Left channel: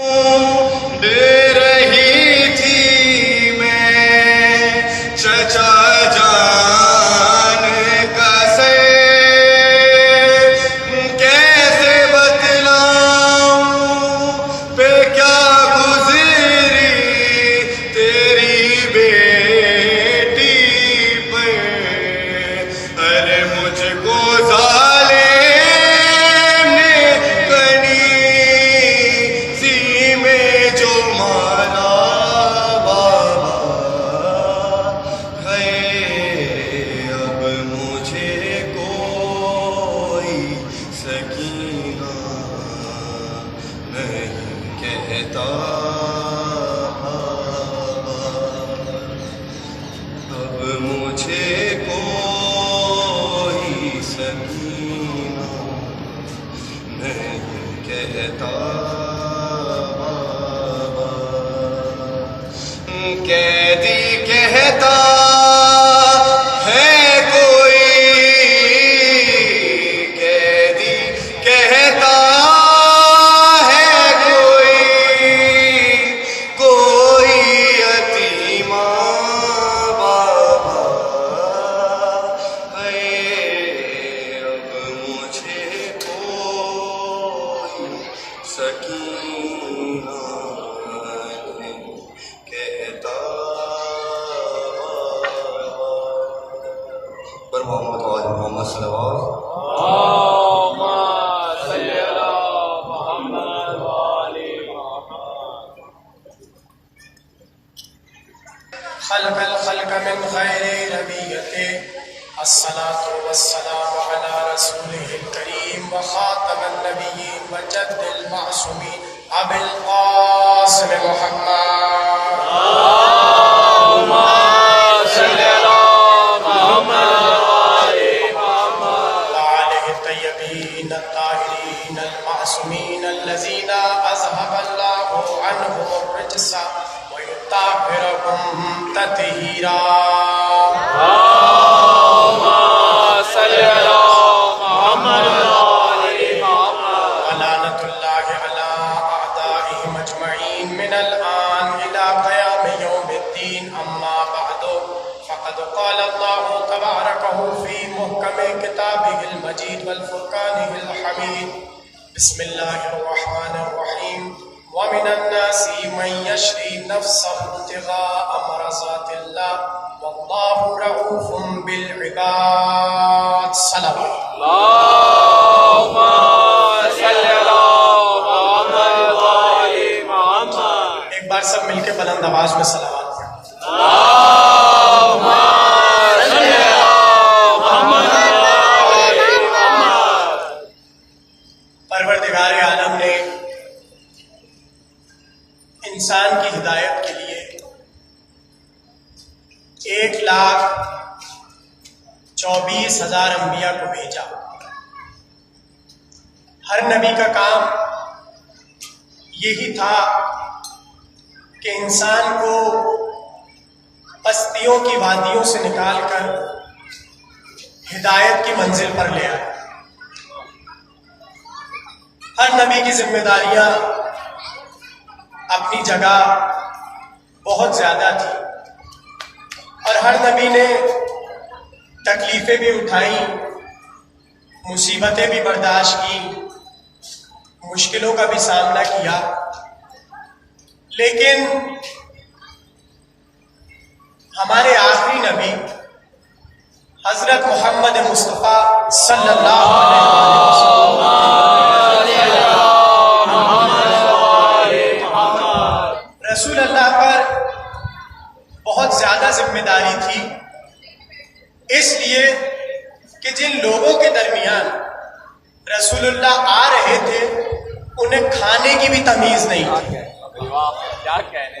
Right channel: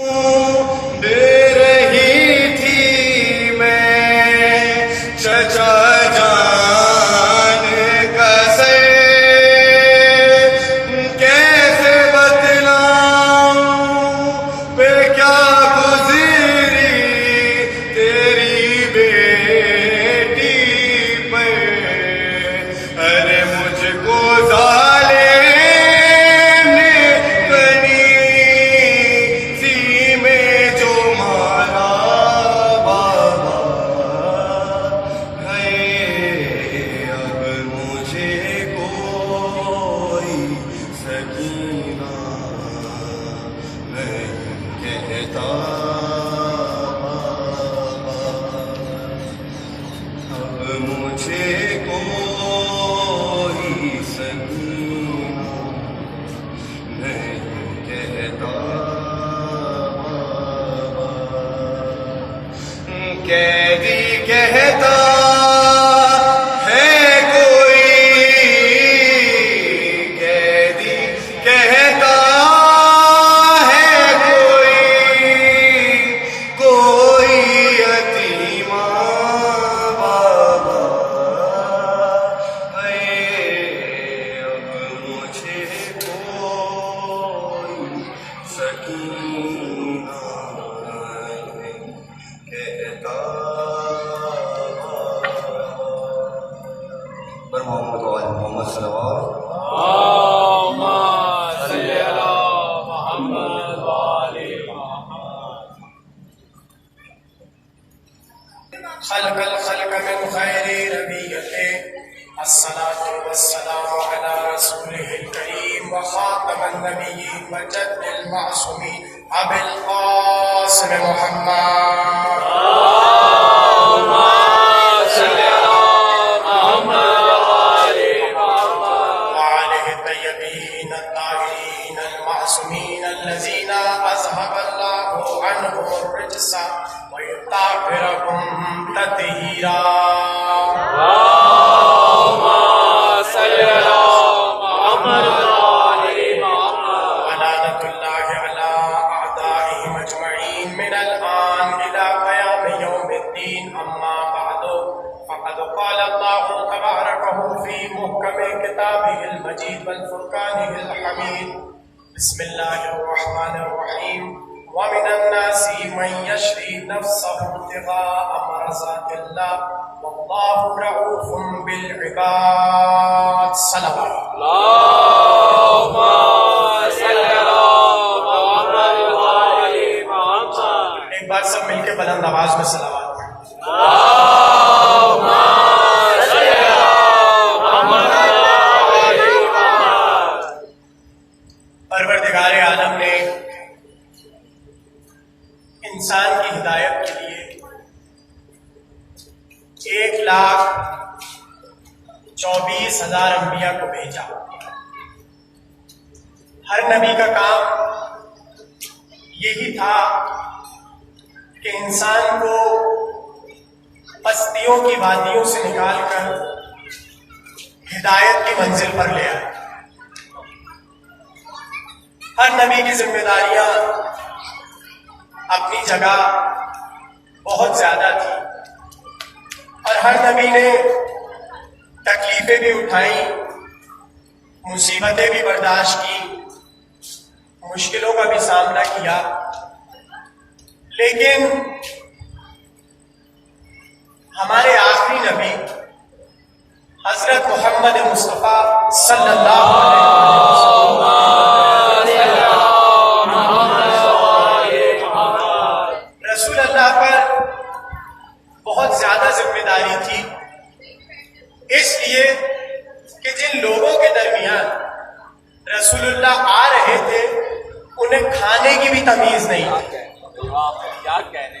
دے رہی تھی میں چچا جان کا سے کیسے بتلاؤں پہ کیا گزری تیری بیٹی پر ارے مجھ کو قیدی کہتا ہے کوئی، قیدی کہتا ہے کوئی یتیم بابا ہے، اب مجھے کوئی سکینہ پر محمد و آل محمد صلوات صلی اللہ محمد والی محمد. خلق الخلق من خیر نبیته الصلاة والسلام على رسوله الكريم وخاتم النبيين وجد المعصومين أبي القاسم محمد. المعصومين الذين أذهب الله عنهم الرجس ويطهرهم تطهيرا. اللهم صل على محمد وآل محمد. ولعنة الله على أعدائهم أجمعين من الآن إلى قيام يوم الدين. أما بعد فقد قال الله تبارك في محكم كتابه المجيد والفرقان الحميد. بسم الله الرحمن الرحيم. ومن الناس من يشري نفسه ابتغاء مرضات الله والله رؤوف بالعباد. صلوات اللهم صل على محمد وآل محمد. ایک بار سب مل کے بلند آواز میں صلوات پڑھیں. پروردگار عالم نے انسان کی ہدایت کے لیے 1,24,000 انبیاء کو بھیجا. ہر نبی کا کام یہی تھا کہ انسان کو پستیوں کی وادیوں سے نکال کر ہدایت کی منزل پر لے آئے. ہر نبی کی ذمہ داریاں اپنی جگہ بہت زیادہ تھی اور ہر نبی نے تکلیفیں بھی اٹھائیں، مصیبتیں بھی برداشت کی، مشکلوں کا بھی سامنا کیا. لیکن ہمارے آخری نبی حضرت محمد مصطفیٰ صلی اللہ علیہ وسلم رسول اللہ پر بہت زیادہ ذمہ داری تھی، اس لیے کہ جن لوگوں کے درمیان رسول اللہ آ رہے تھے انہیں کھانے کی بھی تمیز نہیں تھی.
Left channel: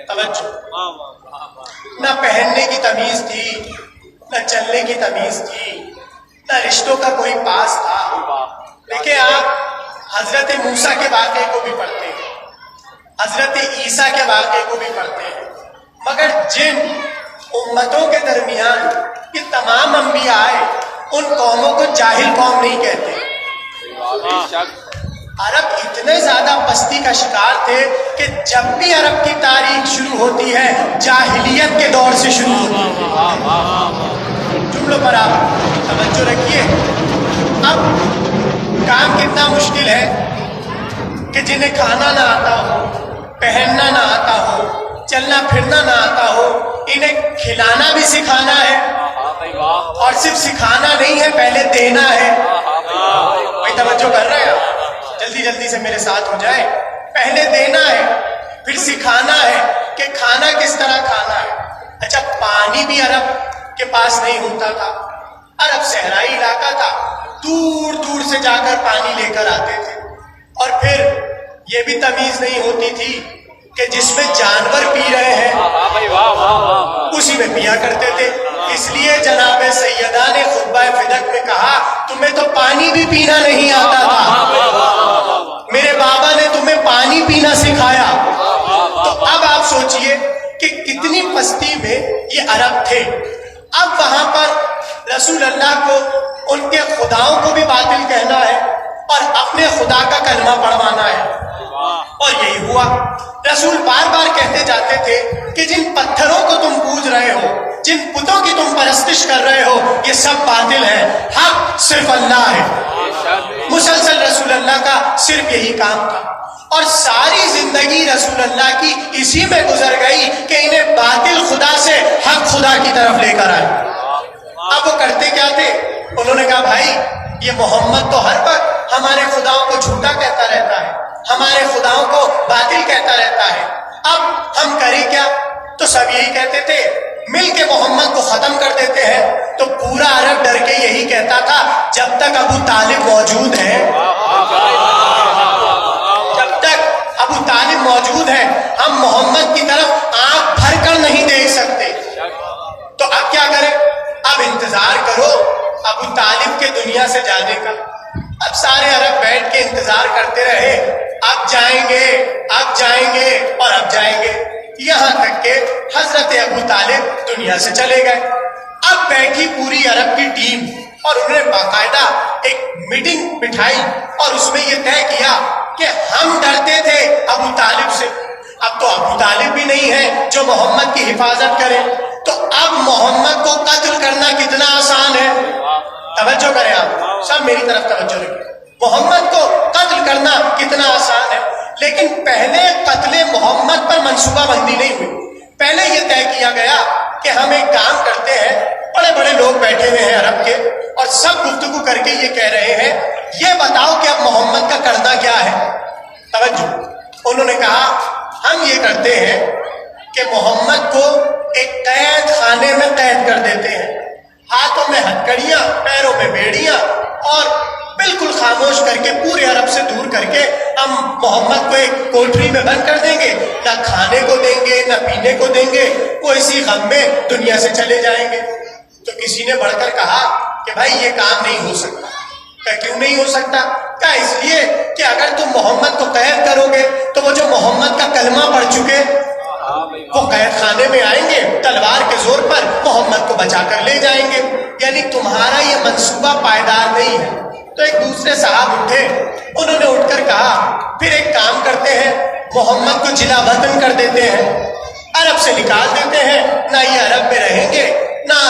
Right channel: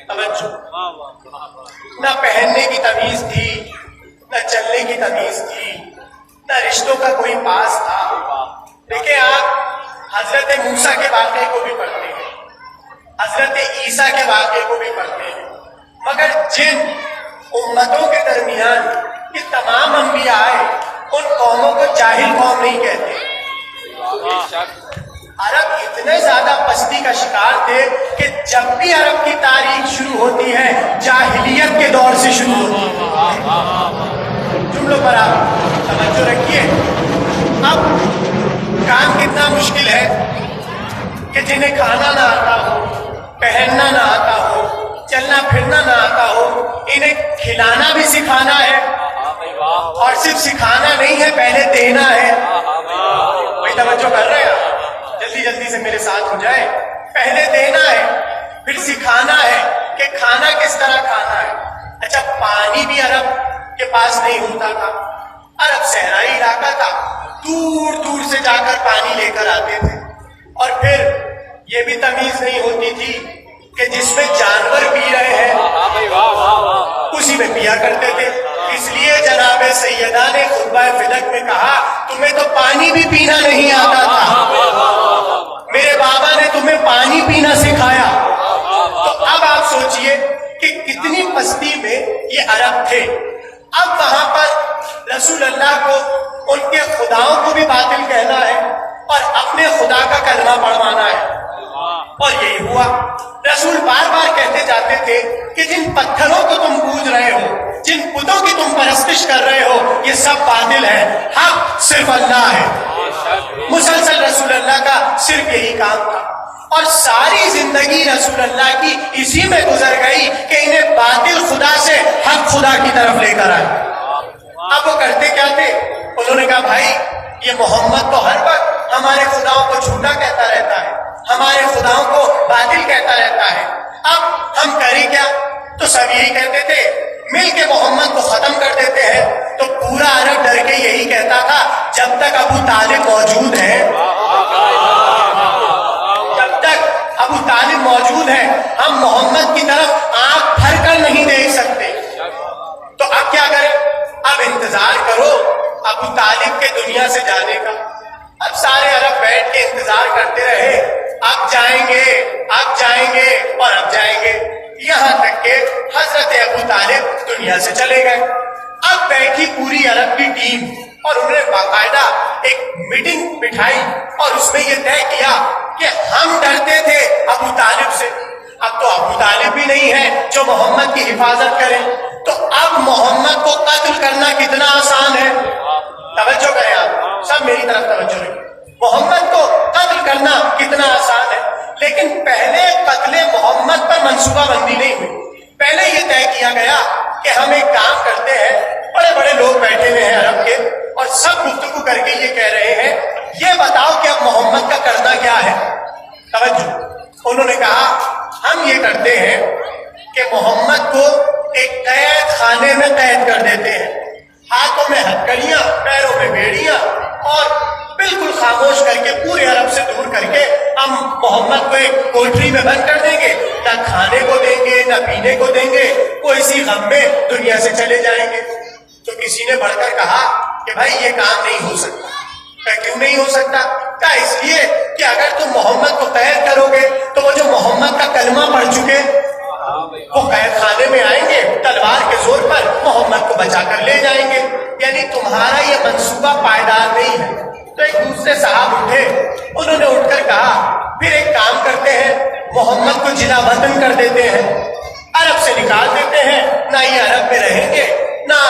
توجہ، نہ پہننے کی تمیز تھی، نہ چلنے کی تمیز تھی، نہ رشتوں کا کوئی پاس تھا. دیکھیں آپ حضرت موسیٰ کے واقعے کو بھی پڑھتے ہیں، حضرت عیسیٰ کے واقعے کو بھی پڑھتے ہیں، مگر جن امتوں کے درمیان یہ تمام انبیاء آئے ان قوموں کو جاہل قوم نہیں کہتے. عرب اتنے زیادہ پستی کا شکار تھے کہ جب بھی عرب کی تاریخ شروع ہوتی ہے جاہلیت کے دور سے شروع ہوتی ہے. جملوں پر آپ توجہ رکھیے. اب کام کتنا مشکل ہے کہ جنہیں کھانا نہ آتا ہو، پہننا نہ آتا ہو، چلنا پھرنا نہ آتا ہو، انہیں کھلانا بھی سکھانا ہے. اور صرف سکھانا نہیں ہے، پہلے دینا ہے. کوئی توجہ کر رہے ہیں؟ جلدی جلدی سے میرے ساتھ ہو جائے. پہلے دینا ہے، پھر سکھانا ہے کہ کھانا کس طرح کھانا ہے. اچھا، پانی بھی عرب کے پاس نہیں ہوتا تھا. عرب صحرائی علاقہ تھا، دور دور سے جا کر پانی لے کر آتے تھے. اور پھر یہ بھی تمیز نہیں ہوتی تھی کہ جس میں جانور پی رہے ہیں اسی میں پیا کرتے تھے. اس لیے جناب سیدہ نے خطبہ فدق میں کہا تمہیں تو پانی بھی پینا نہیں آتا تھا، میرے بابا نے تمہیں پانی پینا سکھایا. تو اب آپ سوچئے کہ کتنی پستی میں یہ عرب تھے. اب وہاں پر رسول اللہ کو ان کے خداؤں کو بھی باطل کہنا ہے اور اپنے خدا کا کلمہ پڑھوانا ہے. اور یہی ہوا. رسول بار بار کہتے جاتے تھے کہ جن پتھروں کو تم پوج رہے ہو، جن بتوں کی تم پرستش کر رہے ہو، یہ سب باطل ہے، حق صرف اللہ ہے. مسلسل رسول اللہ کا صرف یہی کام تھا اور ساری زندگی رسول اللہ کی اسی میں گزر گئی کہ انہیں باطل خدا سے حق خدا کی طرف لے کر آئے. اب وہ کرتے کیا تھے؟ انہوں نے کہا بھائی یہ محمد تو ہر وقت ہمارے خداؤں کو جھوٹا کہتا رہتا ہے، ہمارے خداؤں کو باطل کہتا رہتا ہے، اب ہم کریں کیا؟ تو سب یہی کہتے تھے مل کے محمد کو ختم کر دیتے ہیں. تو پورا عرب ڈر کے یہی کہتا تھا جب تک ابو طالب موجود ہے، جب تک ابو طالب موجود ہے ہم محمد کی طرف آنکھ بھر کر نہیں دیکھ سکتے. تو اب کیا کریں؟ اب انتظار کرو ابو طالب کے دنیا سے جانے کا. اب سارے عرب بیٹھ کے انتظار کرتے رہے، اب جائیں گے، اب جائیں گے اور اب جائیں گے، یہاں تک کہ حضرت ابو طالب دنیا سے چلے گئے. اب بیٹھی پوری عرب کی ٹیم اور انہوں نے باقاعدہ ایک میٹنگ بٹھائی اور اس میں یہ طے کیا کہ ہم ڈرتے تھے ابو طالب سے، اب تو ابو طالب بھی نہیں ہے جو محمد کی حفاظت کرے، تو اب محمد کو قتل کرنا کتنا آسان ہے. توجہ کریں آپ سب، میری طرف توجہ رکھیں. محمد کو قتل کرنا کتنا آسان ہے، لیکن پہلے قتل محمد پر منصوبہ بندی نہیں ہوئی. پہلے یہ طے کیا گیا کہ ہم ایک کام کرتے ہیں، بڑے بڑے لوگ بیٹھے ہوئے ہیں عرب کے اور سب گفتگو کر کے یہ کہہ رہے ہیں یہ بتاؤ کہ اب محمد کا کرنا کیا ہے. توجہ. انہوں نے کہا ہم یہ کرتے ہیں کہ محمد کو ایک قید خانے میں قید کر دیتے ہیں، ہاتھوں میں ہتھکڑیاں، پیروں میں بیڑیاں، اور بالکل خاموش کر کے پورے عرب سے دور کر کے ہم محمد کو ایک کوٹری میں بند کر دیں گے، نہ کھانے کو دیں گے نہ پینے کو دیں گے، وہ اسی غم میں دنیا سے چلے جائیں گے. تو کسی نے بڑھ کر کہا کہ بھائی یہ کام نہیں ہو سکتا. کہا کیوں نہیں ہو سکتا؟ کہا اس لیے کہ اگر تم محمد کو قید کرو گے تو وہ جو محمد کا کلمہ پڑھ چکے وہ قید خانے میں آئیں گے، تلوار کے زور پر محمد کو بچا کر لے جائیں گے، یعنی تمہارا یہ منصوبہ پائیدار نہیں ہے. تو ایک دوسرے صاحب اٹھے، انہوں نے اٹھ کر کہا پھر ایک کام کرتے ہیں، محمد کو جلا وطن کر دیتے ہیں، عرب سے نکال دیتے ہیں، نہ یہ عرب میں رہیں گے نہ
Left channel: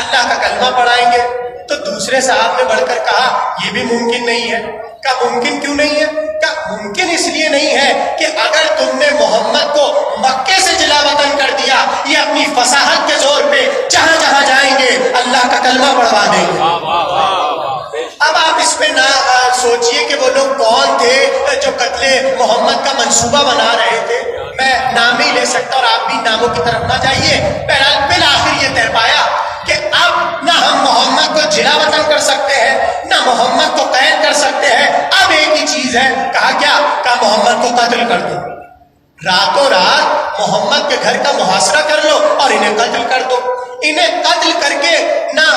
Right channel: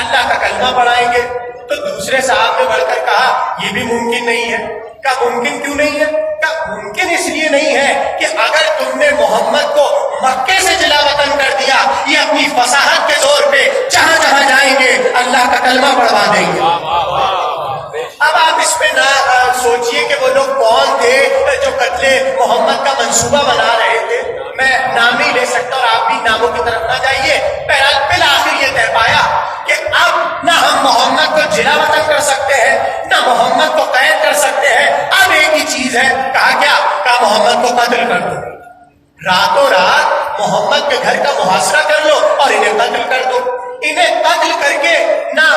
اللہ کا کلمہ پڑھائیں گے. تو دوسرے صاحب نے بڑھ کر کہا یہ بھی ممکن نہیں ہے. کہا ممکن کیوں نہیں ہے؟ کہا ممکن اس لیے نہیں ہے کہ اگر تم نے محمد کو مکے سے جلا وطن کر دیا، یہ اپنی فصاحت کے زور پہ جہاں جہاں جائیں گے اللہ کا کلمہ پڑھوا دیں گے. اب آپ اس پہ نہ سوچئے کہ وہ لوگ کون تھے جو قتل محمد کا منصوبہ بنا رہے تھے. میں نام ہی لے سکتا اور آپ بھی ناموں کی طرف نہ جائیے. بالآخر یہ طے پایا کہ اب نہ ہم محمد کو جلا وطن کر سکتے ہیں نہ محمد کو قید کر سکتے ہیں. اب ایک ہی چیز ہے. کہا کیا؟ کہا محمد کو قتل کر دو. راتوں رات محمد کے گھر کا محاصرہ کر لو اور انہیں قتل کر دو. انہیں قتل کر کے نہ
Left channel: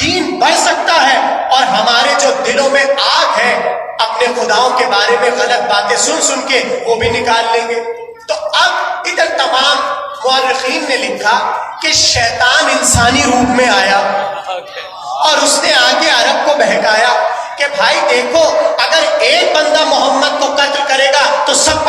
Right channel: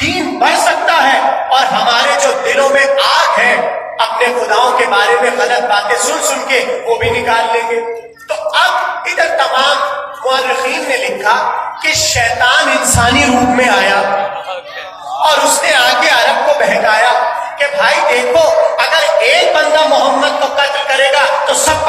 دین بڑھ سکتا ہے اور ہمارے جو دلوں میں آگ ہے اپنے خداؤں کے بارے میں غلط باتیں سن سن کے وہ بھی نکال لیں گے. تو اب ادھر تمام مورخین نے لکھا کہ شیطان انسانی روپ میں آیا اور اس نے آگے عرب کو بہکایا کہ بھائی دیکھو اگر ایک بندہ محمد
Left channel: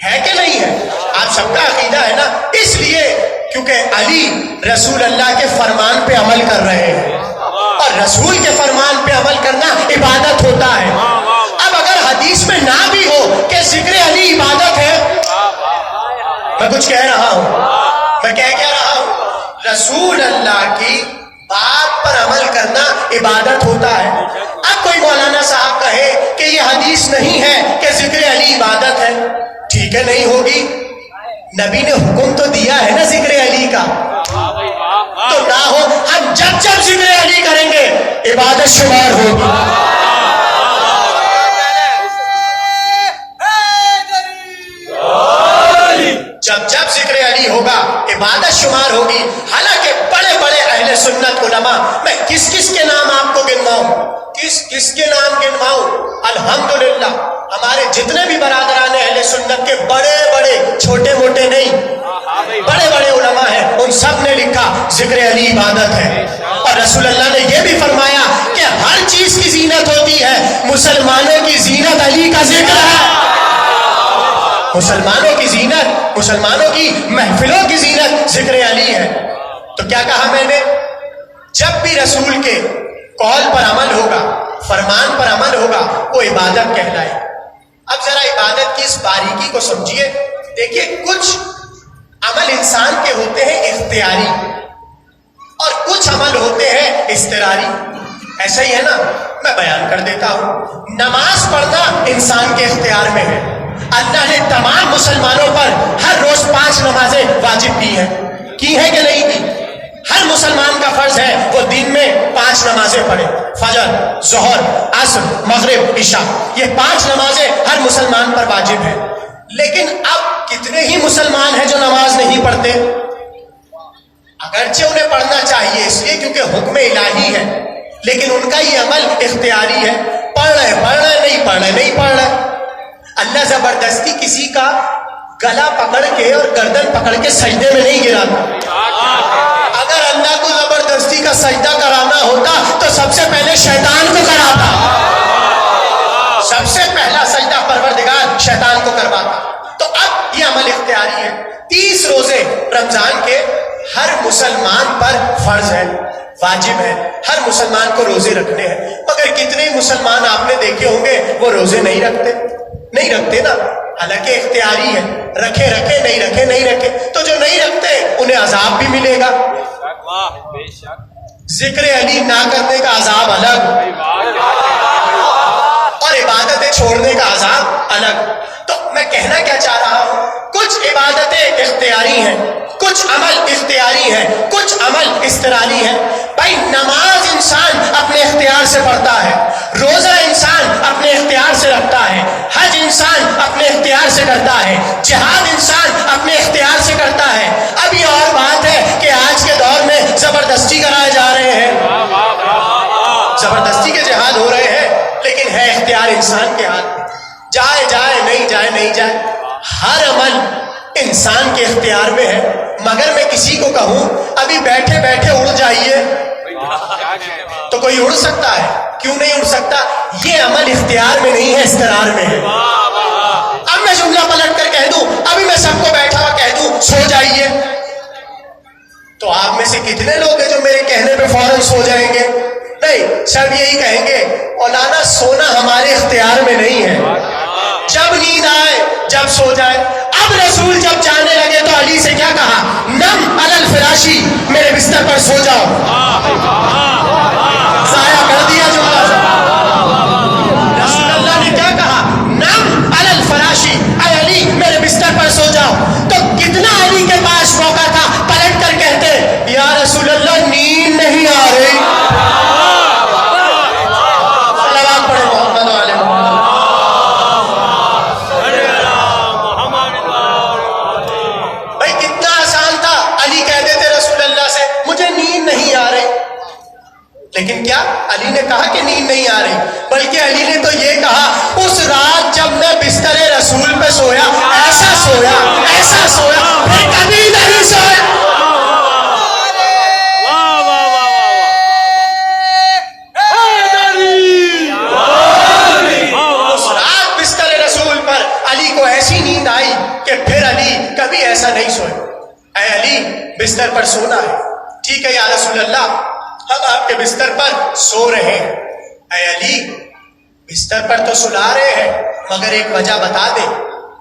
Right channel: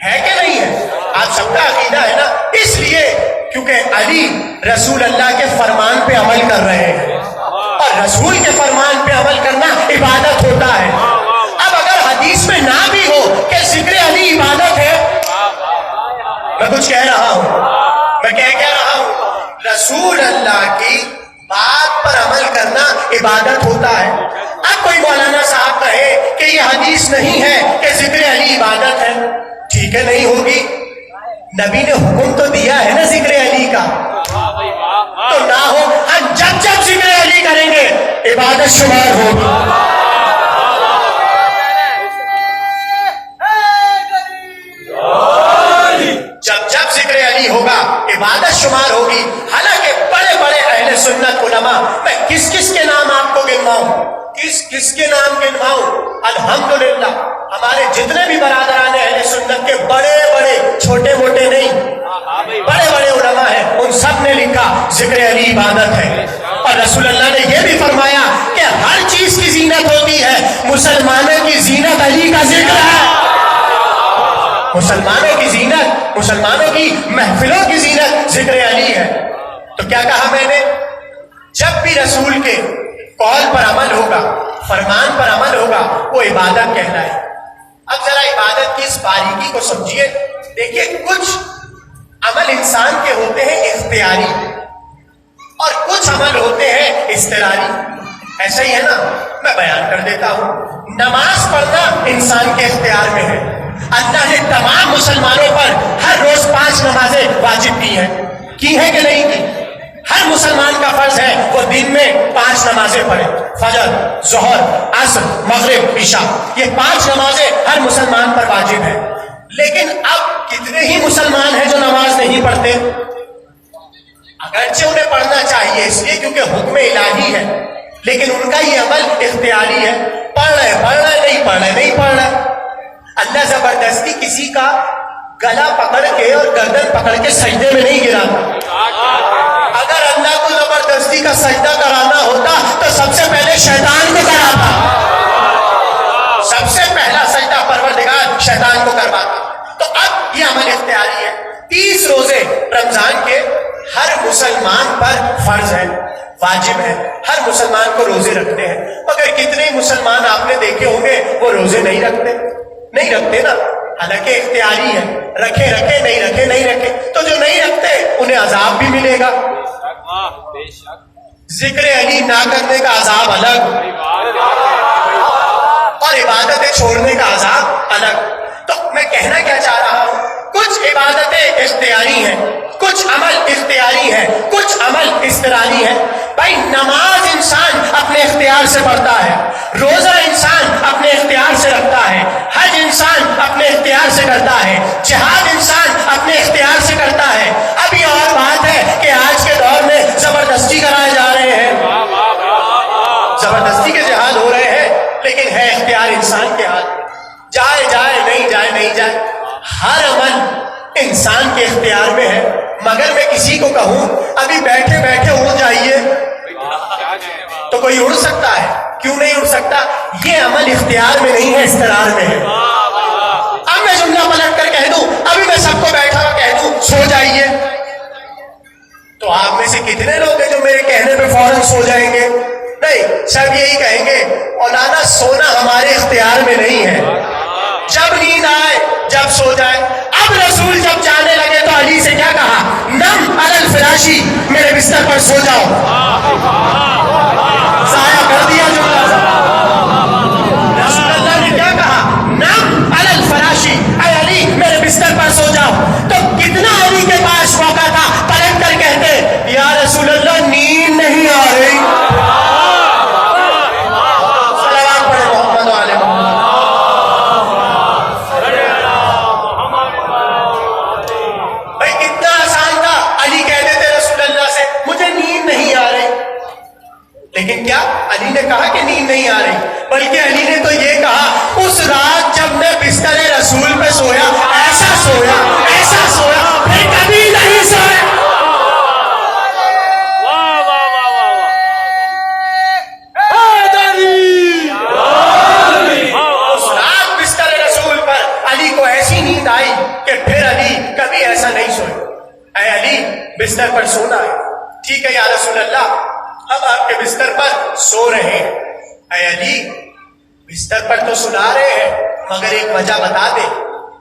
ہے کہ نہیں ہے؟ آپ سب کا عقیدہ ہے نا. اس لیے کیونکہ علی رسول اللہ کے فرمان پہ عمل کر رہے ہیں اور رسول کے فرمان پہ عمل کرنا عبادت ہوتا ہے. اب اگر حدیث میں نہ بھی ہو کہ ذکر علی عبادت ہے، میں کچھ کہہ رہا ہوں، میں کہہ رہا ہوں رسول اللہ کی بات پر عمل کرنا عبادت ہوتا ہے. اب کوئی مولانا صاحب کہے کہ یہ حدیث نہیں ہے کہ ذکر علی عبادت ہے، ٹھیک ہے نہیں ہوگی. نبی نے حکم تو دیا ہے نا ذکر علی کا، تو نہ ہو. ہم جب جب ذکر علی کریں گے عبادت شمار ہوگی. جب جب ذکر علی ہوگا عبادت شمار ہوگی. حالانکہ بڑے بڑے اہل سنت علماء، میں کس کس کے نام آپ کو گنواؤں، کس کے نام گنواؤں؟ الحمدللہ ہمارے جتنے بھی برادران اہل سنت کے بڑے بڑے، چھوٹے موٹے نہیں، بڑے بڑے علماء ہیں، ان سب نے لکھا ذکر علی عبادت ہے. اور رسول اللہ نے یہ بھی فرمایا کہ ہر چیز کی زینت ہوتی ہے، مسلمانوں کی زینت علی کا ذکر ہے. مسلمانوں کی زینت، مسلمانوں کی محفلوں کی زینت ذکر علی ہے. تو کیا کہا میں نے؟ جب بھی رسول کے قول پر عمل ہوگا، فرمان پر عمل ہوگا، وہ عبادت کہلائے. اب ذرا عبادت کی اس باریکی کو سمجھیے. دیکھیے کچھ عمل انسان کے ہوتے ہیں اختیاری اور کچھ عمل ہوتے ہیں اضطراری. ایسا ہی ہے نا؟ میں بیان کر دیتا ہوں. نماز پڑھنا انسان کے اختیار میں ہے. اللہ نے تمام مسلمانوں پر ہر روز 5 نمازیں واجب کی ہیں کہ نہیں کی؟ ہر مسلمان کا فرض ہے وہ دن میں 5 نمازیں پڑھے. فجر، ظہر، عصر، مغرب، عشاء، یہ 5 نمازیں ہر مسلمان پر واجب ہیں. لیکن اب کتنے ہی مسلمان ہیں جو نماز نہیں پڑھتے؟ اگرچہ انہیں پڑھنا چاہیے اس لیے کیونکہ حکم الہی ہے، لیکن ان کا یہ عمل اختیاری ہے. پڑھ رہے نہیں پڑھ رہے. اللہ زبردستی کسی کا گلا پکڑ کے اور گردن پکڑ کے سجدے میں نہیں گراتا. اگر اللہ کو زبردستی کا سجدہ کرانا ہوتا تو سب سے پہلے شیطان کو کراتا. سب سے پہلا سجدہ پروردگار شیطان کو کرواتا. تو اب یہ عمل اختیاری ہے. 30 روزے رمضان کے ہر مسلمان پر فرض ہے، واجب ہے. ہر مسلمان کو روزے رکھنے ہیں. مگر کتنے مسلمان آپ نے دیکھے ہوں گے وہ روزے نہیں رکھتے نا. حالانکہ اختیاری ہے، رکھے نہیں رکھے. تو جو نہیں رکھتے انہیں عذاب بھی ملے گا. ذکر علی نہ کرنے کا عذاب الگ اور عبادتیں چھوڑنے کا عذاب الگ. تو میں کہنا کیا چاہ رہا ہوں، کچھ عبادتیں اختیاری ہیں، کچھ عمل اختیاری ہے، کچھ عمل اضطراری ہے. بھائی نماز انسان اپنے اختیار سے پڑھتا ہے، روزہ انسان اپنے اختیار سے رکھتا ہے، حج انسان اپنے اختیار سے کرتا ہے، جہاد انسان اپنے اختیار سے کرتا ہے. اب یہ اور بات ہے کہ آج کے دور میں زبردستی کرائے جا رہے ہیں، زبردستی کے جہاد ہو رہے ہیں، لیکن ہے اختیار انسان کے ہاتھ میں. جائے نہیں جائے. ہر عمل انسان کے اختیار میں ہے. مگر میں کسی کو کہوں ابھی بیٹھے اڑ جائیے تو کوئی اڑ سکتا ہے؟ کیوں نہیں اڑ سکتا؟ یہ عمل اختیار میں نہیں ہے، استقرار میں ہے. اب میں جملہ پلٹ کر کہہ دوں، ابھی میں سب کو بیٹھا ہوا کہہ دوں سو جائیے، تو آپ میں سے کتنے لوگ ہیں جو میرے کہنے پہ فوراً سو جائیں گے؟ نہیں، سب یہی کہیں گے مولانا سونا ہمارے اختیار میں نہیں ہے، جب نیند آئے جب سو جائے. اب رسول جب جانے لگے تو علی سے کیا کہا؟ نم علی الفراشی، میرے بستر پر سو جاؤ. ضائع کر دیا جملہ. رسول اللہ نے کیا کہا؟ نم علی الفراشی، اے علی میرے بستر پر سو جاؤ. تو کتنا علی کے پاس موقع تھا پلٹ کر کہتے یا رسول اللہ نیند نہیں آ رہی. لیکن کیا علی نے کہا کہ نیند نہیں آ رہی؟ بلکہ علی نے تو یہ کہا اس رات جب میں بستر رسول پہ سویا، ایسا سویا پھر کبھی نہیں سویا. اس رات بستر رسول پر علی کو ایسی نیند آئی ٹھیک ہے یا رسول اللہ ہم آپ کے بستر پر سو رہے ہیں. اے علی بستر پر تو سلا رہے ہیں مگر ایک وجہ بتا دے.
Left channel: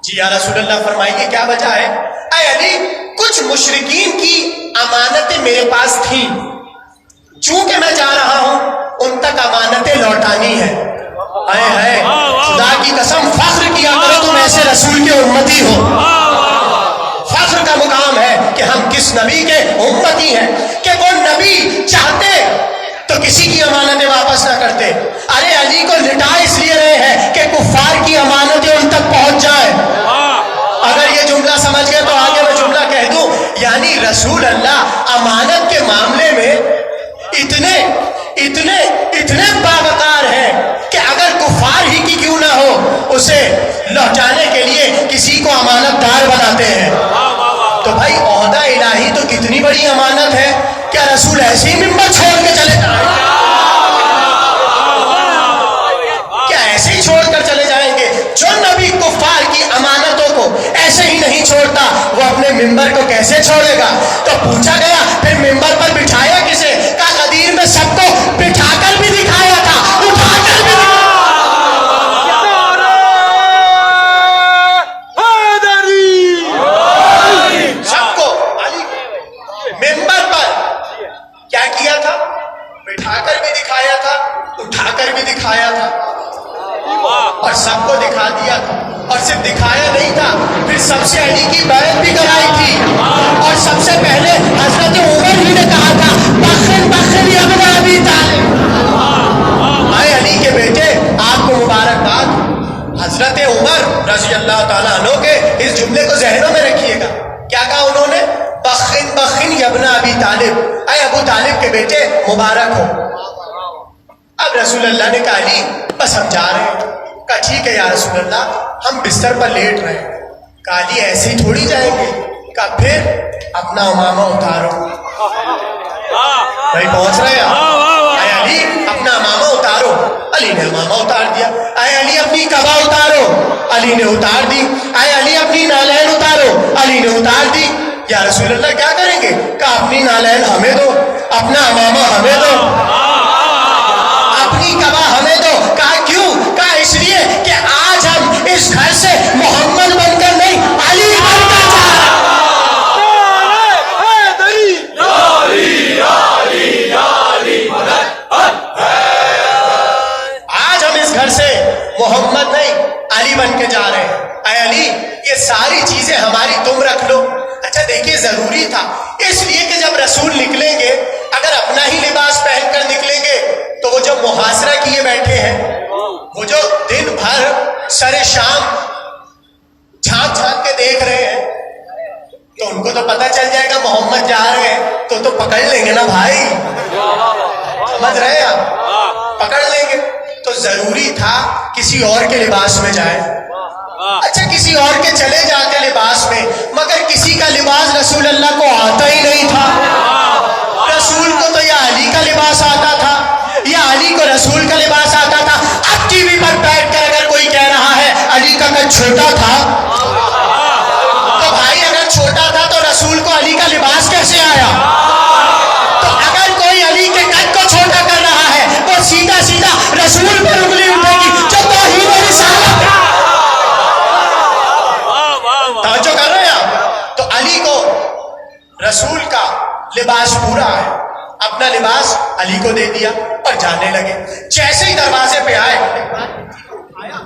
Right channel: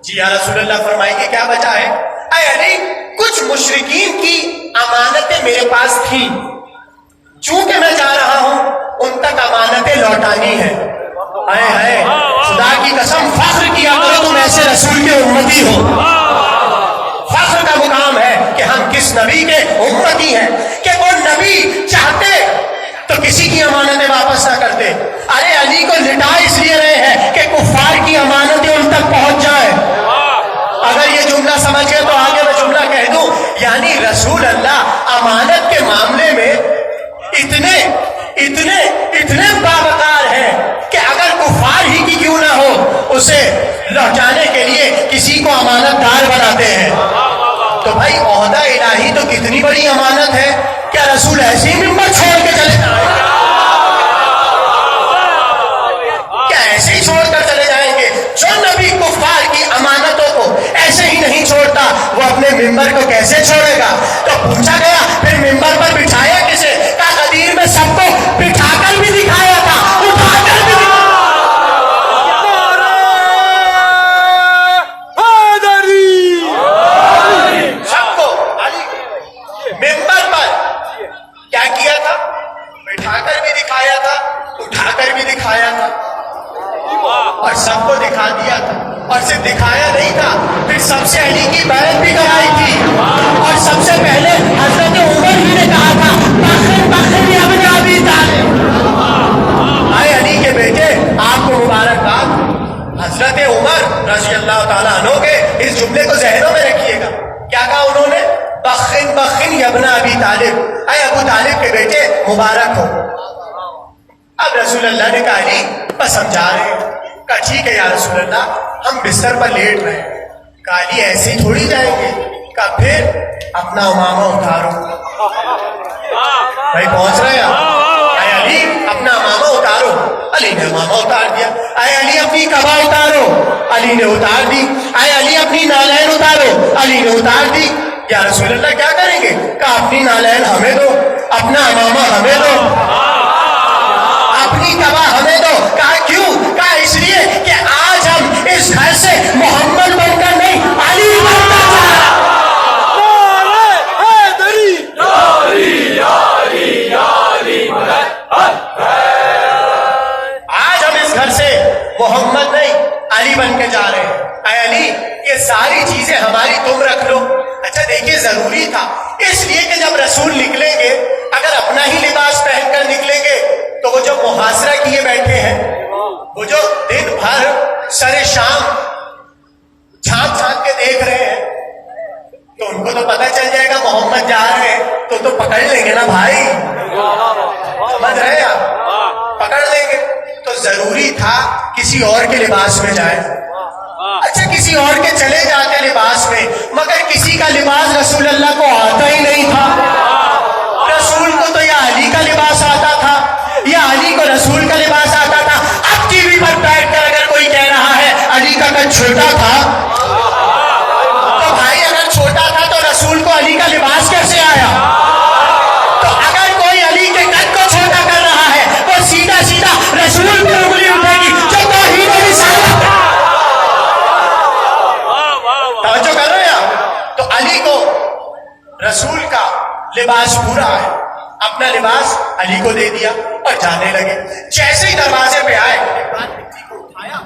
جی یا رسول اللہ فرمائیے کیا وجہ ہے. اے علی کچھ مشرکین کی امانتیں میرے پاس تھیں, چونکہ میں جا رہا ہوں ان تک امانتیں لوٹانی ہے. اے خدا کی قسم فخر کیا کرو تم ایسے رسول کے امتی ہو. فخر کا مقام ہے کہ ہم کس نبی کے امتی ہیں کہ وہ نبی چاہتے تو کسی کی امانتیں واپس نہ کرتے. ارے علی کو لٹا اس لیے رہے ہیں کہ کفار کی امانتیں ان تک پہنچ جائے. اگر یہ جملہ سمجھ گئے تو آگے وہ جملہ کہہ دوں. یعنی رسول اللہ امانت کے معاملے میں اتنے اتنے اتنے باوقار ہیں کہ اگر کفار ہی کی کیوں نہ ہو اسے لوٹانے کے لیے کسی کو امانت دار بناتے ہیں. تو بھائی عہدہ الہی تو کتنی بڑی امانت ہے. کیا رسول ایسی ممبر چھوڑ کے چلے جائیں گے؟ کیا ایسے ہی چھوڑ کر چلے جائیں گے؟ جو نبی کفار کی امانتوں کو ایسے ہی نہیں چھوڑتا وہ اپنے ممبر کو کیسے چھوڑے گا؟ تو پوچھا گیا پھر ممبر پر بٹھایا کسے؟ کہا غدیر میں سب کو بٹھا کر بھی دکھایا تھا, اٹھا کر بھی دکھایا. سب کو علی ممبر پر کیا کیا تھا؟ بٹھا کر بھی دکھایا تھا, اٹھا کر بھی دکھایا تھا, اور سب کو دکھا دیا تھا. اور صرف دکھایا نہیں تھا, پھر سب سے علی کی بیعت بھی کرائی تھی. اور سب سے پہلے حضرت عمر ہی نے کہا تھا بخر بخر یا ابن ابی طالب. اے علی کے بیٹے آپ کو مبارکباد. حضرت عمر رضی اللہ تعالیٰ عنہ کے اس جملے کو ذہنوں میں رکھیے گا. کیا کہا انہوں نے؟ بخن بخن یا ابن ابی طالب, اے ابو طالب کے بیٹے مبارک ہو. اب رسول اللہ نے کہا علی بس ہم جا رہے ہیں. کہا ٹھیک ہے یا رسول اللہ ہم بستر پر لیٹ رہے ہیں. کہا علی ایسے ہی تھوڑی جائیں گے. کہا پھر اپنا امامہ اتارو. بھائی پہنچ رہے ہیں. اے علی اپنا امامہ اتارو. علی نے امامہ اتار دیا. اے علی اپنی قبا اتارو. علی نے اتار دی. اے علی اپنی نالین اتارو. علی نے اتار دی. یا رسول اللہ کیا کریں گے؟ کہا اپنی نالین ہمیں دو, اپنا امامہ ہمیں دو, اپنی قبا ہمیں دو. کہا کیوں؟ کہا اس لیے کہ آج ہم اس گھر سے محمد بن کر نہیں علی بن کر آج ہم اس گھر سے محمد نہیں علی بن کے جا رہے ہیں. اے علی یہ ساری چیزیں ہماری تم رکھ لو. اچھا دیکھیے ضروری تھا اس لیے کہ جب رسول نکلیں گے اگر اپنا ہی لباس پہن کر نکلیں گے تو وہ جو محاصرہ کیے بیٹھے ہیں, وہ جو دن بھر سر شام جھانک جھانک کے دیکھ رہے ہیں, تو ان کو تو پتہ چل جائے گا محمد جا رہے ہیں تو پکڑ لیں گے نا بھائی. سمجھ رہے آپ؟ پکڑ لیں گے. تو ضروری تھا کسی اور کے لباس میں جائے. اچھا کسی اور کے چلے جاتے لباس میں, مگر کسی کا لباس رسول اللہ کو آتا ہی نہیں تھا. رسول کو تو یا علی کا لباس آتا تھا یا علی کو رسول کا لباس آتا تھا. اب ٹی وی پر بیٹھ کر اگر کوئی کہہ رہا ہے علی کا قد چھوٹا تھا, تو بھائی اگر چھوٹا تھا تو رسول کو علی کا لباس کیسے آیا؟ تو اگر کوئی علی کے قد کو چھوٹا کر رہا ہے تو سیدھا سیدھا رسول پر انگلی اٹھے گی جو توحید و رسالت ہے. توجہ کر رہے ہیں آپ؟ تو علی کو رسول کا لباس پورا ہے, اپنا لباس علی کو دے دیا اور جانے لگے. جیسے ہی دروازے پہ آئے ایک بار مٹی کو اٹھایا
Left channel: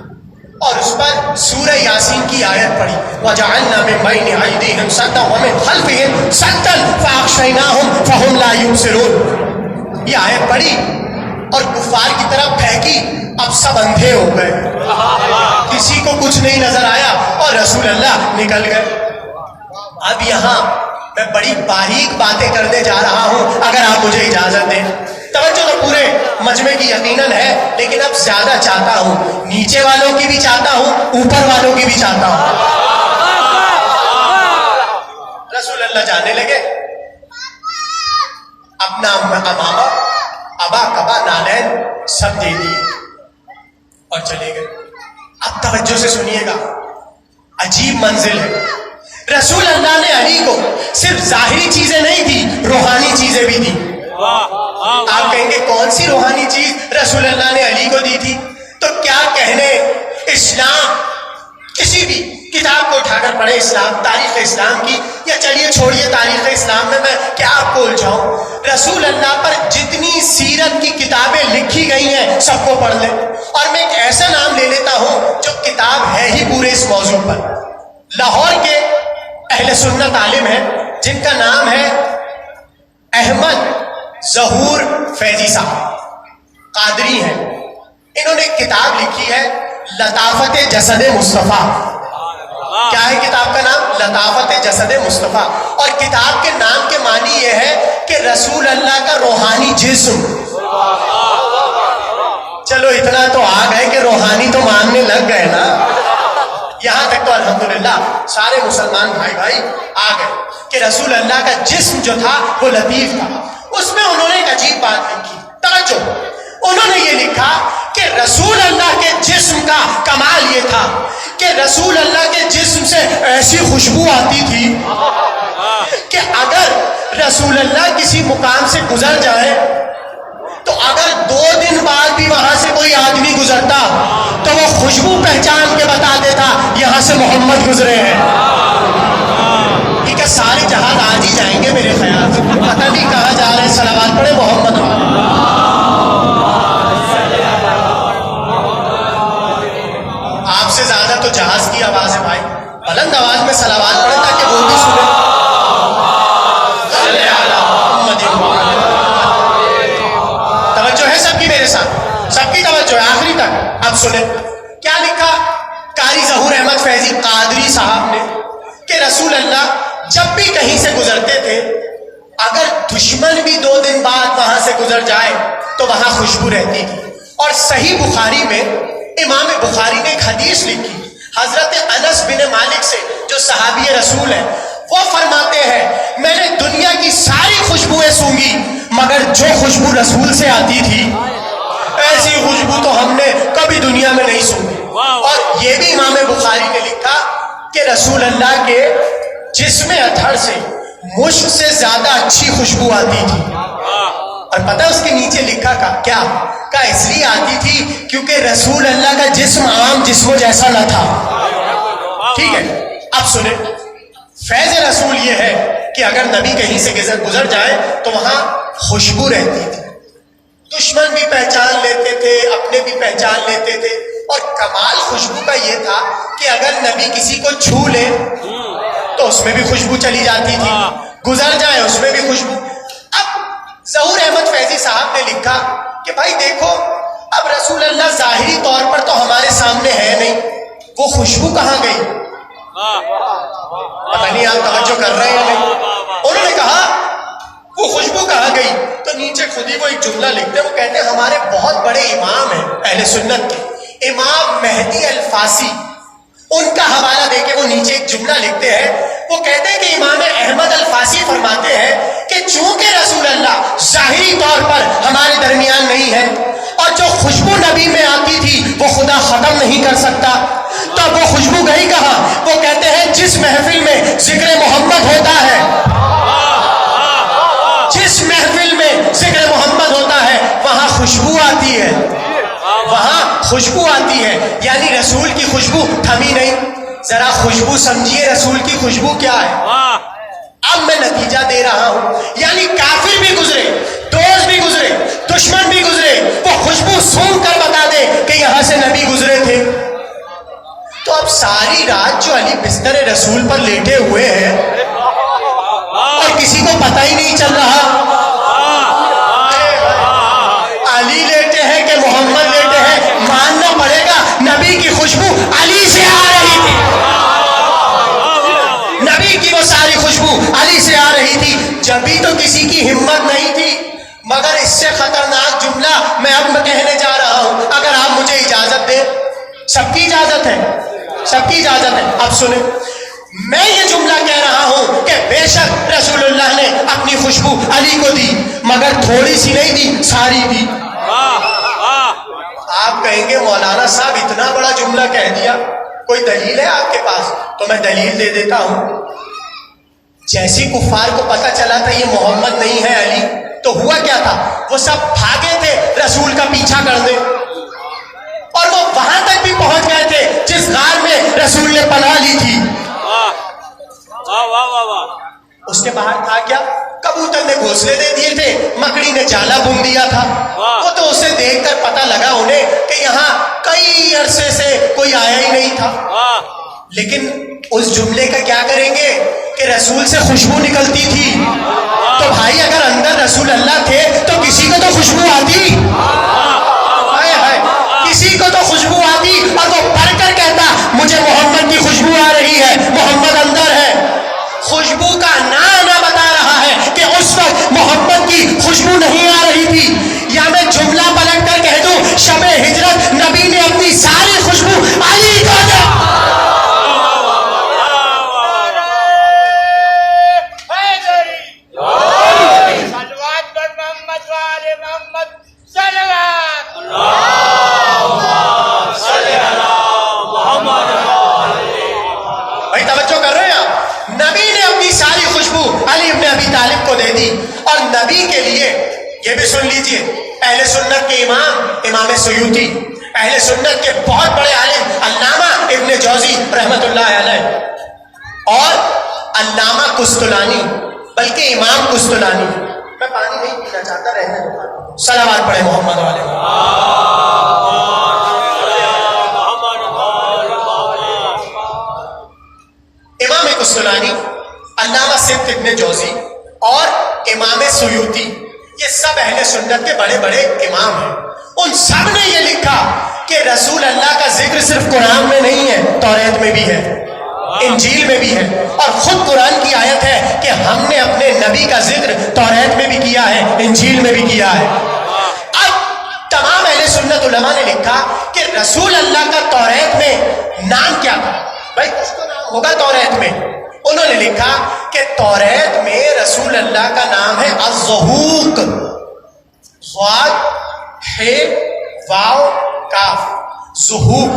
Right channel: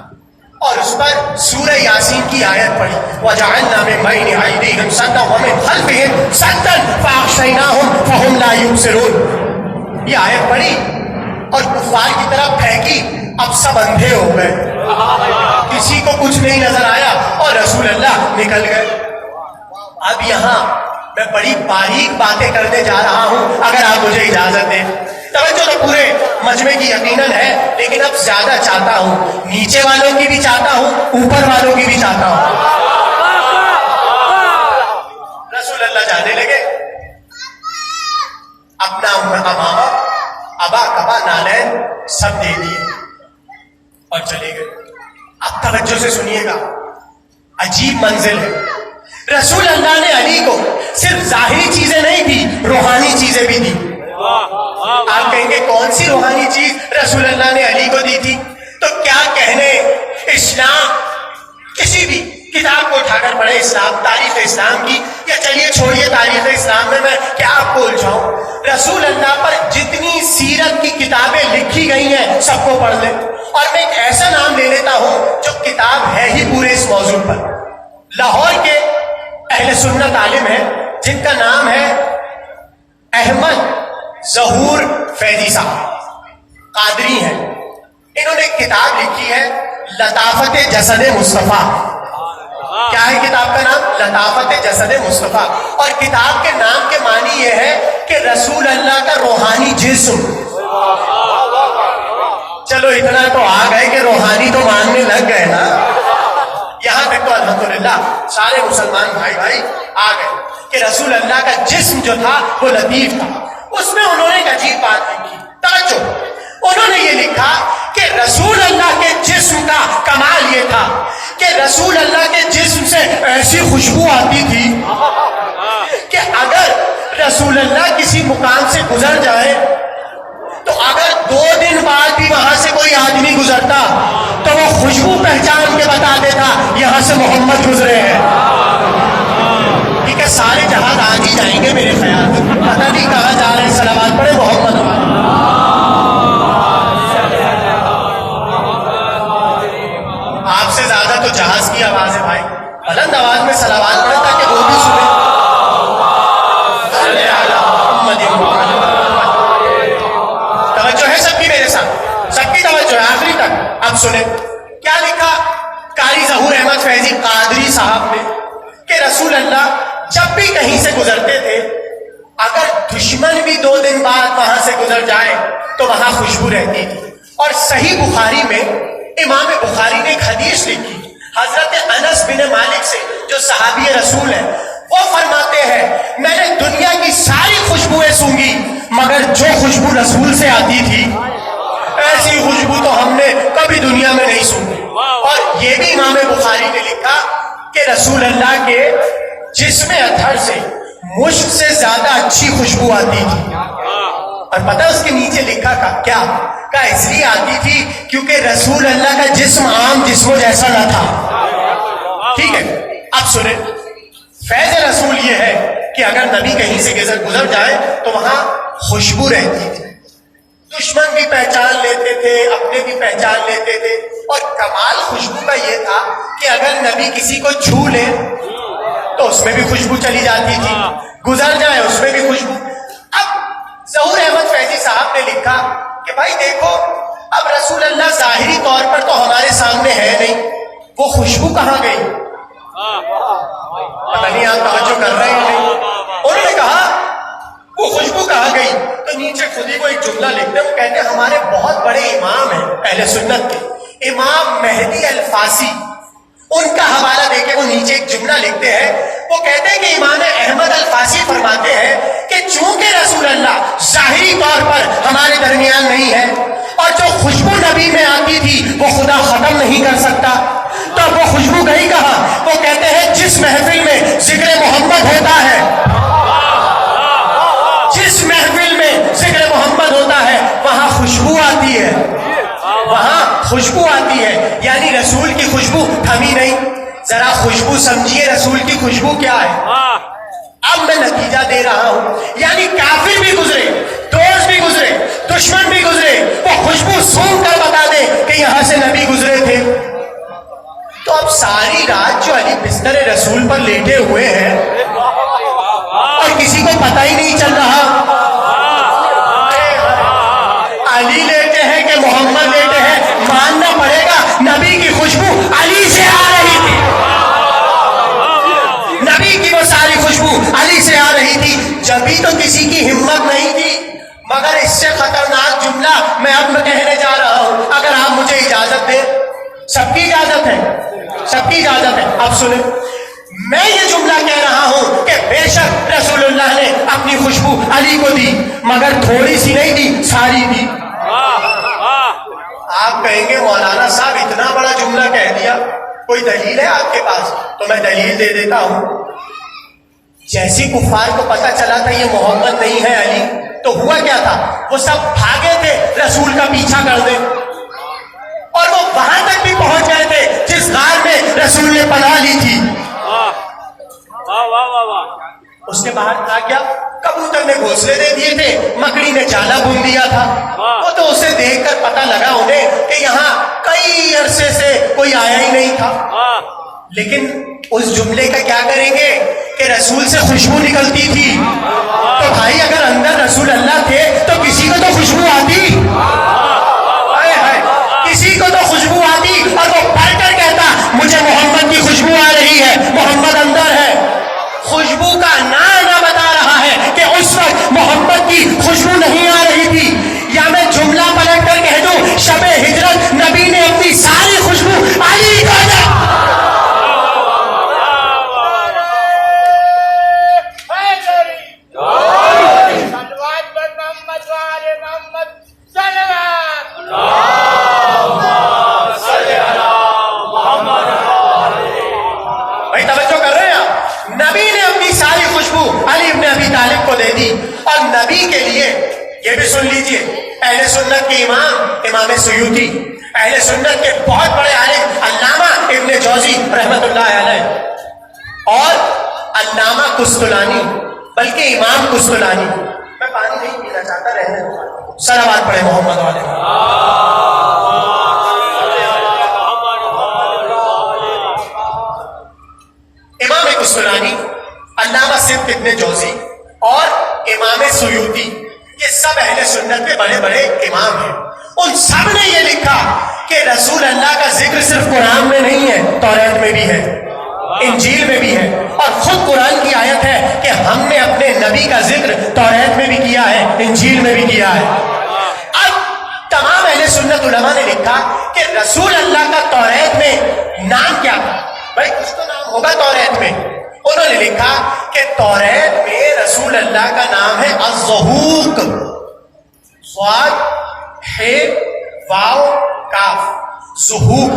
اور اس پر سورہ یاسین کی آیت پڑھی. وَجَعَلْنَا مِن بَيْنِ أَيْدِيهِمْ سَدًّا وَمِنْ خَلْفِهِمْ سَدًّا فَأَغْشَيْنَاهُمْ فَهُمْ لَا يُبْصِرُونَ. یہ آیت پڑھی اور کفار کی طرف پھینکی. اب سب اندھے ہو گئے, کسی کو کچھ نہیں نظر آیا اور رسول اللہ نکل گئے. اب یہاں میں بڑی باریک باتیں کرنے جا رہا ہوں اگر آپ مجھے اجازت دیں. توجہ تو پورے مجمع کی یقیناً ہے, لیکن اب زیادہ چاہتا ہوں نیچے والوں کی بھی چاہتا ہوں اوپر والوں کی بھی چاہتا ہوں. رسول اللہ جانے لگے, اپنا امامہ ابا کبا نالین سب دے دیے اور چلے گئے. اب توجہ سے سنیے گا, عجیب منزل ہے. رسول اللہ نے علی کو صرف ظاہری چیزیں نہیں دی, روحانی چیزیں بھی سی روحانی چیز رسول اللہ نے علی کو دی تھی؟ تو کیا کہنے اسلام، کسی بھی کتاب کو اٹھا کر پڑھے اسلام، تاریخ اسلام کی، یا چلیے چھوڑیے تاریخ اسلام میں کیا آپ کو الجھاؤں، رسول اللہ پر جتنی سیرت کی کتابیں لکھی گئی ہیں سب کو پڑھ لیں. اور میں ایک ایسا نام لے لیتا ہوں جو کتاب ہے ہی پورے اس موضوع پر. لاہور کے اہل سنت عالم ہیں جن کا نام ہے احمد ظہور فیضی صاحب، قادری ہیں. انہوں نے ایک کتاب لکھی ہے لطافت جسد مصطفیٰ. کیا ہے کتاب کا نام؟ لطافت جسد مصطفیٰ. اور کتاب کے نام کے معنی یہ ہے کہ رسول اللہ کا روحانی جسم. چلو اتنا تو آ گئے کہ روحانی تو ماننے لگ گئے نا. یہاں تک تو الحمدللہ سارے مسلمان بھائی آ گئے کہ رسول اللہ کا جسم جو تھا وہ لطیف تھا. اس میں انہوں نے ایک عجیب بات لکھی، توجہ. انہوں نے یہ لکھا کہ رسول اللہ کے جسم کا کمال یہ تھا کہ رسول اللہ کے جسم سے ایسی خوشبو آتی تھی کہ اگر رسول اللہ کسی مقام سے گزر جائے تو اگر 2 دن بعد بھی وہاں سے کوئی آدمی گزرتا تو وہ خوشبو پہچان کے بتا دیتا یہاں سے محمد گزرے ہیں. ٹھیک ہے، سارے جہاز آج ہی جائیں گے میرے خیال سے، پتہ نہیں کہاں جا رہے ہیں. صلوات پڑھے محمد. آپ سے زیادہ تو جہاز کی آواز ہے بھائی، بلند آواز میں صلوات پڑھے تاکہ وہ بھی سنیں. توجہ ہے سب کی میرے ساتھ، سب کی توجہ ہے آخری تک. اب سنیں کیا لکھا قاری ظہور احمد فیضی قادری صاحب نے کہ رسول اللہ جب بھی کہیں سے گزرتے تھے اگر دشمن بھی 2 دن بعد وہاں سے گزر جائے تو وہاں خوشبو رہتی تھی. اور صحیح بخاری میں امام بخاری نے ایک حدیث لکھی حضرت انس بن مالک سے جو صحابی رسول ہیں. وہ فرماتے ہیں میں نے دنیا کی ساری خوشبوئیں سونگی مگر جو خوشبو رسول سے آتی تھی ایسی خوشبو تو ہم نے کبھی دنیا میں نہیں سونگی. اور یہ بھی امام بخاری نے لکھا کہ رسول اللہ کے جسم اطہر سے مشک سے زیادہ اچھی خوشبو آتی تھی. اور پتہ اس کے نیچے لکھا کیا کا اس لیے آتی تھی کیونکہ رسول اللہ کا جسم عام جسموں جیسا نہ تھا. ٹھیک ہے، اب سنیں فیض رسول یہ ہے کہ اگر نبی کہیں سے گزر جائے تو وہاں خوشبو رہتی تھی. دشمن بھی پہچان لیتے تھے، اپنے بھی پہچان لیتے تھے. اور کمال خوشبو کا یہ تھا کہ اگر نبی کسی کو چھو لے تو اس میں بھی خوشبو چلی جاتی تھی، گزر جائے اس میں بھی خوشبو. اب ظہور احمد فیضی صاحب نے لکھا کہ بھائی دیکھو اب رسول اللہ ظاہری طور پر تو ہمارے سامنے ہے نہیں، وہ خوشبو کہاں گئی؟ پتہ نہیں آپ توجہ کر رہے ہیں نہیں. انہوں نے کہا وہ خوشبو کہاں گئی؟ تو نیچے خودی کو ایک جملہ لکھتے ہیں. وہ کہتے ہیں ہمارے بہت بڑے امام ہیں اہل سنت کے، امام مہدی الفاسی، ان کا حوالہ دے کے وہ نیچے ایک جملہ لکھتے ہیں. وہ کہتے ہیں کہ امام احمد الفاسی فرماتے ہیں کہ چونکہ رسول اللہ ظاہری طور پر ہمارے درمیان نہیں ہے اور جو خوشبو نبی میں آتی تھی وہ خدا ختم نہیں کر سکتا، تو وہ خوشبو گئی کہاں؟ وہ کہتے ہیں جس محفل میں ذکر محمد ہوتا ہے، جس محفل میں ذکر محمد ہوتا ہے وہاں خوشبو آتی ہے، وہاں خوشبو آتی ہے. یعنی رسول کی خوشبو تھمی نہیں. ذرا خوشبو سمجھیے رسول کی خوشبو کیا ہے. اب میں نتیجہ دے رہا ہوں، یعنی کافر بھی گزرے، دوست بھی گزرے، دشمن بھی گزرے، وہ خوشبو سونگ کر بتا دے کہ یہاں سے نبی گزرے تھے. تو اب ساری رات جو علی بستر رسول پر لیٹے ہوئے ہیں اور کسی کو پتہ ہی نہیں چل رہا علی لیٹے ہیں کہ محمد لیٹے ہیں، ماننا پڑے گا نبی کی خوشبو علی سے آ رہی تھی، نبی کی وہ ساری خوشبو علی سے آ رہی تھی. جبھی تو کسی کی ہمت نہیں تھی. مگر اس سے خطرناک جملہ میں اب کہنے جا رہا ہوں، اگر آپ مجھے اجازت دیں. سب کی اجازت ہے، سب کی اجازت ہے. آپ سنیں میں یہ جملہ کہہ رہا ہوں کہ بے شک رسول اللہ نے اپنی خوشبو علی کو دی مگر تھوڑی سی نہیں دی، ساری دی. آپ کہیں گے مولانا صاحب اتنا بڑا جملہ کہہ دیا، کوئی دلیل ہے آپ کے پاس؟ تو میں دلیل دے دیتا ہوں. جیسی کفار کو پتہ چلا تھا یہ محمد نہیں ہے علی، تو ہوا کیا تھا, وہ سب بھاگے تھے رسول کا پیچھا کرنے, اور وہ وہاں تک بھی پہنچ گئے تھے جس غار میں رسول نے پناہ لی تھی. اس کے بعد تھا کیا, کبوتر نے گھونسلے دے دیے تھے, مکڑی نے جالا بن دیا تھا. وہ تو اسے دیکھ کر پتا لگا انہیں کہ یہاں کئی عرصے سے کوئی آیا ہی نہیں تھا. لیکن اس جملے کا کیا کریں گے کہ رسول سے خوشبو نکلتی تھی. تو بھائی اگر اندر رسول اللہ تھے تو کسی کو تو خوشبو آتی, کسی کو تو خوشبو آتی, اور وہ پڑھ کر کہتا مجھے محمد کی خوشبو آ رہی ہے, محمد اندر ہے. خوشبو کا نام نہ بتا رہا ہے کہ اس وقت محمد کی خوشبو نہیں آ رہی تھی. یا میں جملہ پلٹ کر کہہ دوں شب ہجرت نبی نے اپنی ساری خوشبو علی کو دی. نبی کے لیے یہ بھی سن لیجئے, اہل سنت کے امام سیوطی, اہل سنت کے بہت بڑے عالم علامہ ابن جوزی رحمت اللہ علیہ, اور علامہ قسطلانی, بلکہ امام قسطلانی. میں پانی نہیں پینا چاہتا, رہنے صلوات پڑھے محمد علیہ. امام قسطلانی, علامہ سبت ابن جوزی اور امام سیوطی, یہ سب اہل سنت کے بڑے بڑے امام ہیں. ان سب نے یہ لکھا کہ رسول اللہ کا ذکر صرف قرآن میں نہیں ہے, توریت میں بھی ہے, انجیل میں بھی ہے, اور خود قرآن کی آیت ہے کہ ہم نے اپنے نبی کا ذکر توریت میں بھی کیا ہے, انجیل میں بھی کیا ہے. اب تمام اہل سنت علماء نے لکھا کہ رسول اللہ کا توریت میں نام کیا تھا. بھائی کچھ تو نام ہوگا توریت میں. انہوں نے لکھا کہ توریت میں رسول اللہ کا نام ہے الزہوق, ضاد ہے واو کاف, زہوق.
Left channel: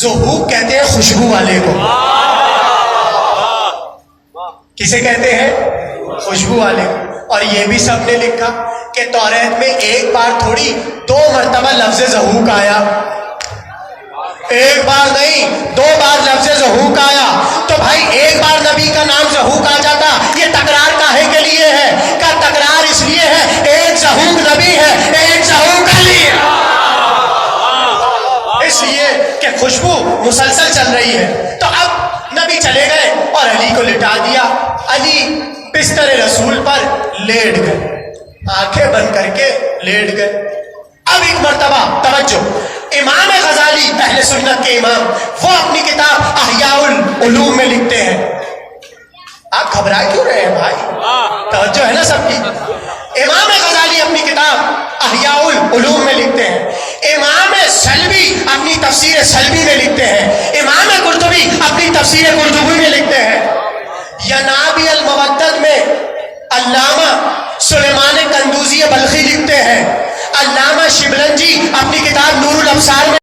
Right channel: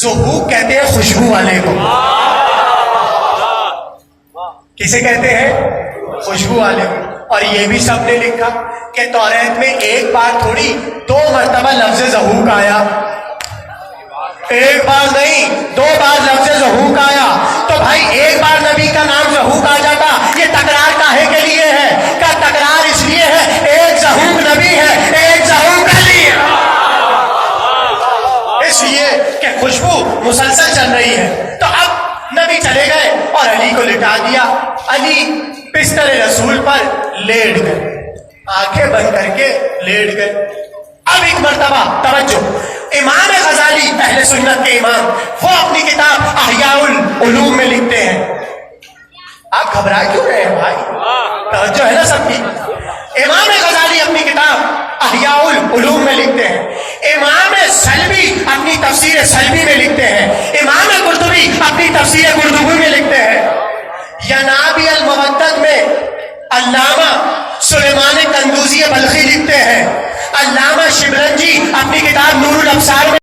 زہوق کہتے ہیں خوشبو والے کو. کسے کہتے ہیں؟ خوشبو والے کو. اور یہ بھی سب نے لکھا کہ توریت میں ایک بار تھوڑی 2 مرتبہ لفظ زہوق آیا, ایک بار نہیں 2 بار لفظ زہوق آیا. تو بھائی ایک بار نبی کا نام زہوق آ جاتا, یہ تکرار کاہے کے لیے ہے؟ کیا تکرار اس لیے ہے ایک زہوق نبی ہے, ایک زہوق علی ہے, اس لیے کہ خوشبو مسلسل چل رہی ہے. تو اب نبی چلے گئے اور علی کو لٹا دیا. علی بستر رسول پر لیٹ گئے, آنکھیں بند کر کے لیٹ گئے. اب ایک مرتبہ توجہ, امام غزالی اہل سنت کے امام, وہ اپنی کتاب احیاء العلوم میں لکھتے ہیں. آپ گھبرا کیوں رہے ہیں بھائی, توجہ ہے نا سب کی. امام غزالی اپنی کتاب احیاء العلوم میں لکھتے ہیں. امام سلبی اپنی تفسیر سلبی میں لکھتے ہیں. امام قرطبی اپنی تفسیر قرطبی میں لکھتے ہیں. ینابی المودت میں علامہ سلیمان قندوزی بلخی لکھتے ہیں. علامہ شبرنجی اپنی کتاب نور الابصار میں